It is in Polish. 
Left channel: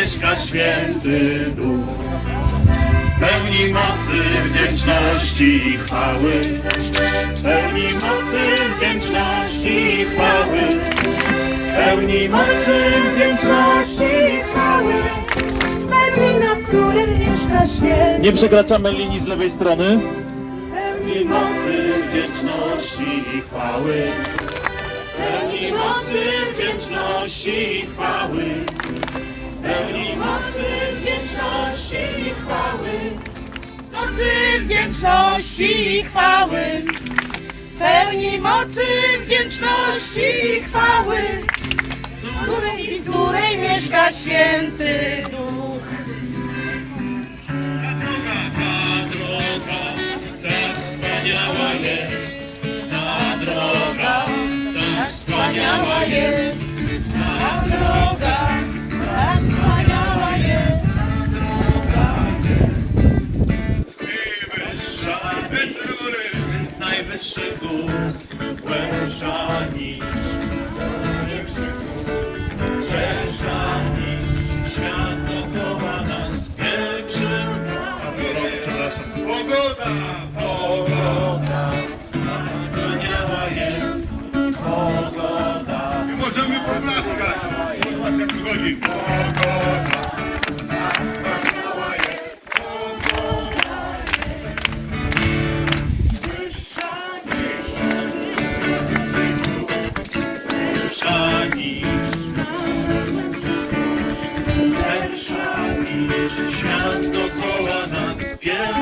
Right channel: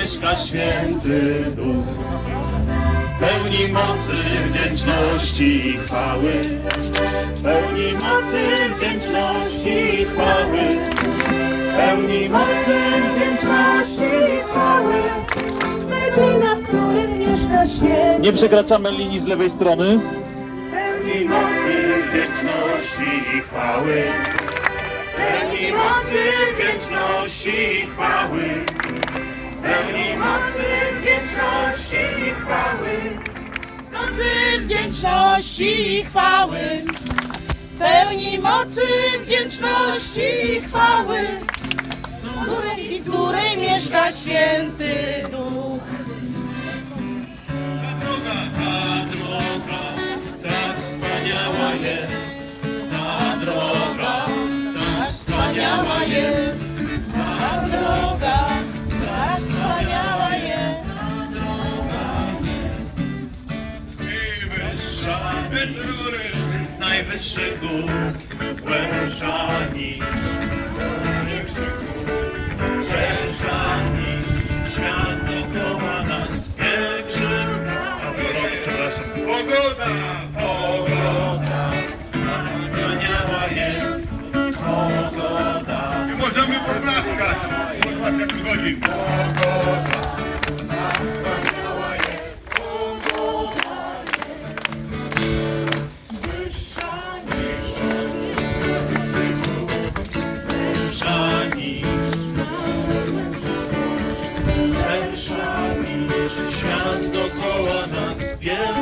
mieszka święty duch. Pełni mocy, wdzięczności i chwały. Pełni mocy, wdzięczności i chwały. Pełni mocy, wdzięczności i chwały. Zbawienia, w którym mieszka święty. Nie przekraczamy linii z lewej strony. Pełni mocy, wdzięczności i chwały. Pełni mocy, wdzięczności i chwały. Wdzięczności i chwały. Pełni mocy, wdzięczności i chwały. W której mieszka święty duch. Tak wspaniała jest Najwyższa góry, najwyższy gór, szersza niż świat dookoła nas, pielgrzym, pogoda, pogoda, tak wspaniała jest pogoda. Możemy poklaskać. Jak wychodzi. Pogoda. ten szar, świat dokoła nas biega.